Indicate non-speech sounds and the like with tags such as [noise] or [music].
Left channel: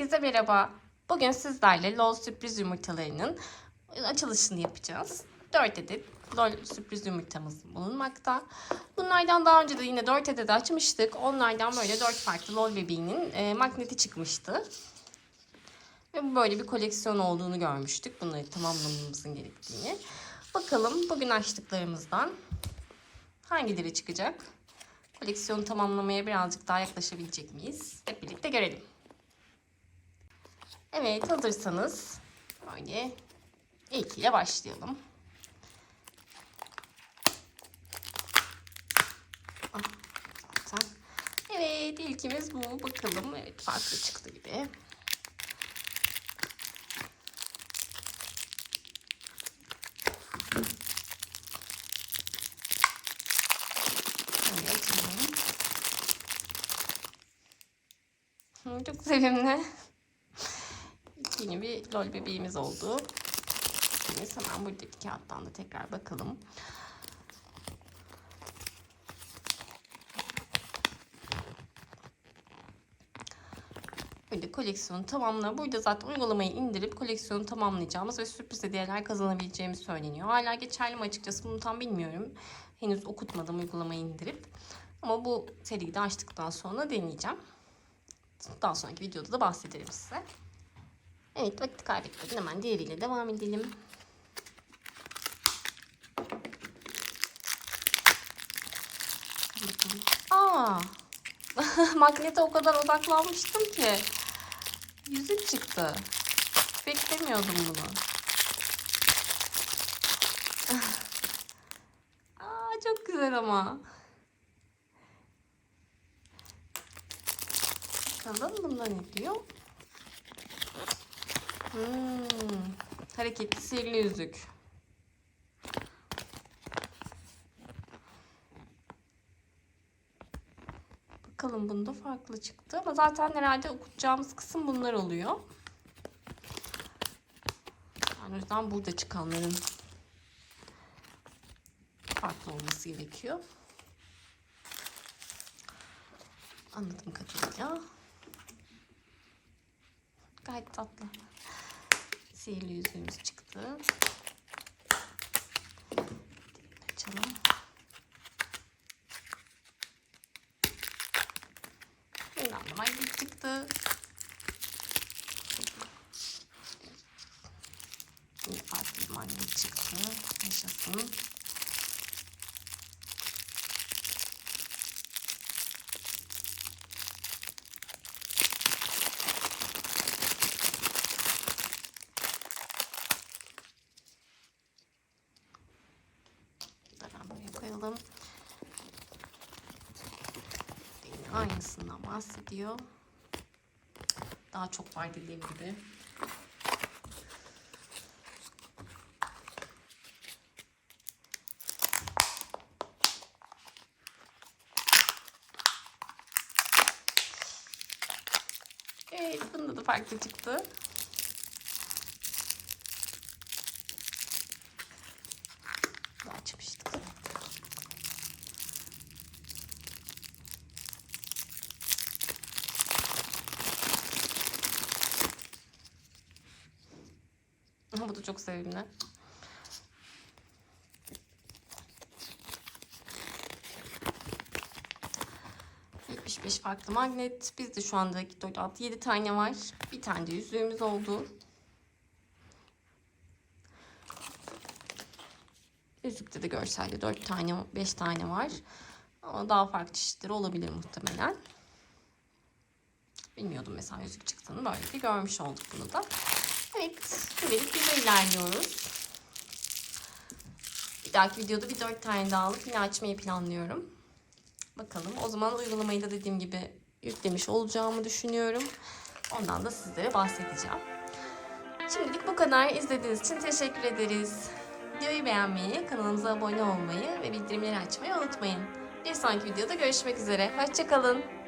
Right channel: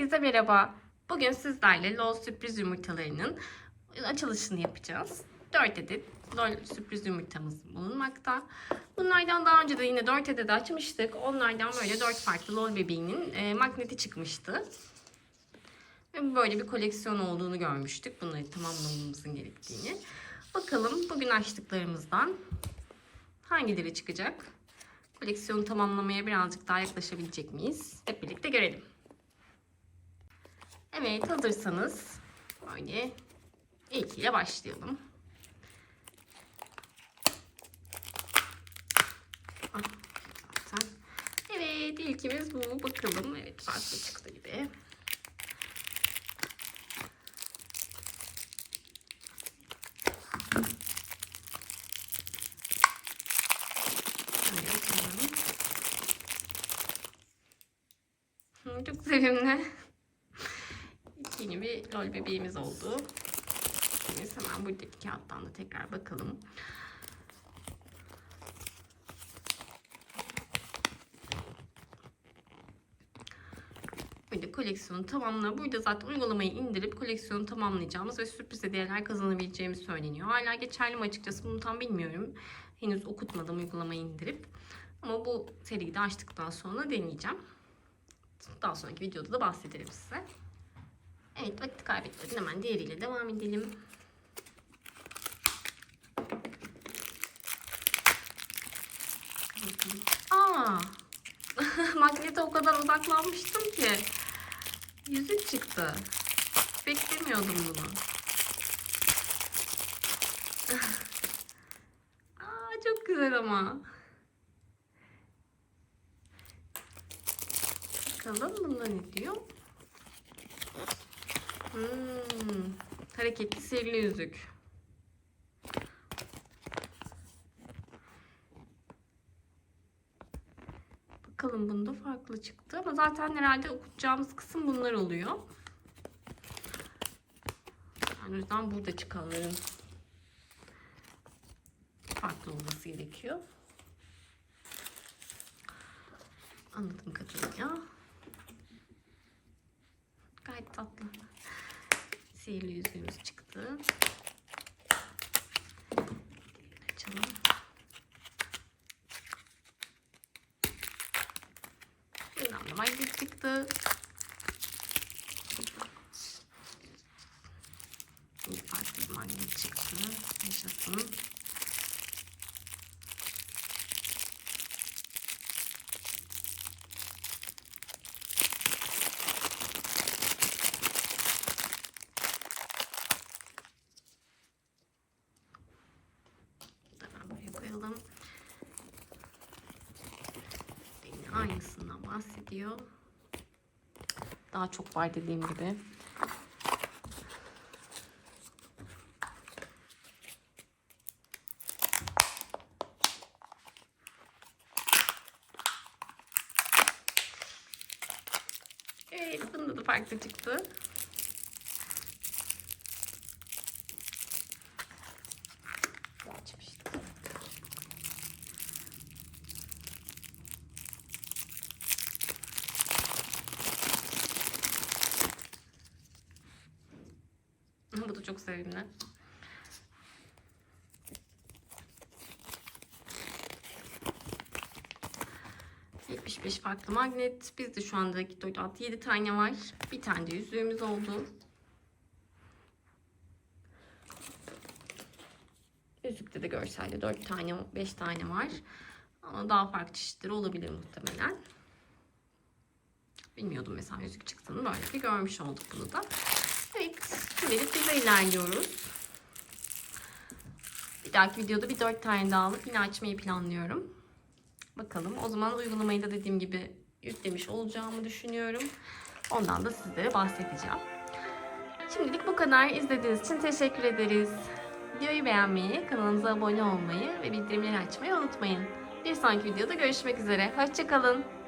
Herkese merhaba. Bugün sizlerle LOL sürpriz yumurtalarının açılışını yapacağız. 4 adet LOL sürpriz yumurtamız bulunmakta. Bunlardan daha önce de yine 4 adet açmıştık. Onlardan böyle 4 farklı LOL bebeğinin e, magneti çıkmıştı. Ve böyle bir koleksiyon olduğunu görmüştük. Bunları tamamlamamızın gerektiğini. Bakalım bugün açtıklarımızdan hangileri çıkacak? Koleksiyonu tamamlamaya birazcık daha yaklaşabilecek miyiz? Hep birlikte görelim. Evet hazırsanız böyle ilkiyle başlayalım. Ah. Evet ilkimiz bu. Bakalım. Evet farklı çıktı gibi. Çok sevimli. Yeni bir lol bebeğimiz oldu. Biz hemen buradaki kağıttan da tekrar bakalım. Böyle koleksiyonu tamamla. Burada zaten uygulamayı indirip koleksiyonu tamamlayacağımız ve sürpriz hediyeler kazanabileceğimiz söyleniyor. Hala geçerli mi açıkçası bunu tam bilmiyorum. Henüz okutmadım uygulamayı indirip. Ama bu seriyi de açtıktan sonra deneyeceğim. Daha sonraki videoda da bahsederim size. Evet vakit kaybetmeden hemen diğeriyle devam edelim. Aa, [laughs] magnete o kadar odaklanmıştım ki. Yüzük çıktı. Beklemiyordum bunu. [laughs] Aa, çok güzel ama. Bakalım bunlar ne diyor? Hmm, hareketli sihirli yüzük. Bakalım bunda farklı çıktı ama zaten herhalde okutacağımız kısım bunlar oluyor. Yani o yüzden burada çıkanların farklı olması gerekiyor. Anladığım kadarıyla. Gayet tatlı. Sihirli yüzüğümüz çıktı. Açalım. Da magnet çıktı. Bir farklı bir magnet çıktı. Yaşasın. Koyalım. Yine aynısından bahsediyor. Daha çok var dediğim gibi. Evet, bunda da farklı çıktı. Açmıştık. Ama bu da çok sevimli. Yetmiş beş farklı magnet. Bizde şu anda 4, 6, 7 tane var. Bir tane de yüzüğümüz oldu. Yüzükte de görselde 4 tane, 5 tane var. Ama daha farklı çeşitleri olabilir muhtemelen. Bilmiyordum mesela yüzük çıktığını. Böyle bir görmüş olduk bunu da. Evet, böyle güzel ilerliyoruz. Bir dahaki videoda bir 4 tane daha alıp yine açmayı planlıyorum. Bakalım. O zaman uygulamayı da dediğim gibi yüklemiş olacağımı düşünüyorum. Ondan da sizlere bahsedeceğim. Şimdilik bu kadar. İzlediğiniz için teşekkür ederiz. Videoyu beğenmeyi, kanalımıza abone olmayı ve bildirimleri açmayı unutmayın. Bir sonraki videoda görüşmek üzere. Hoşçakalın.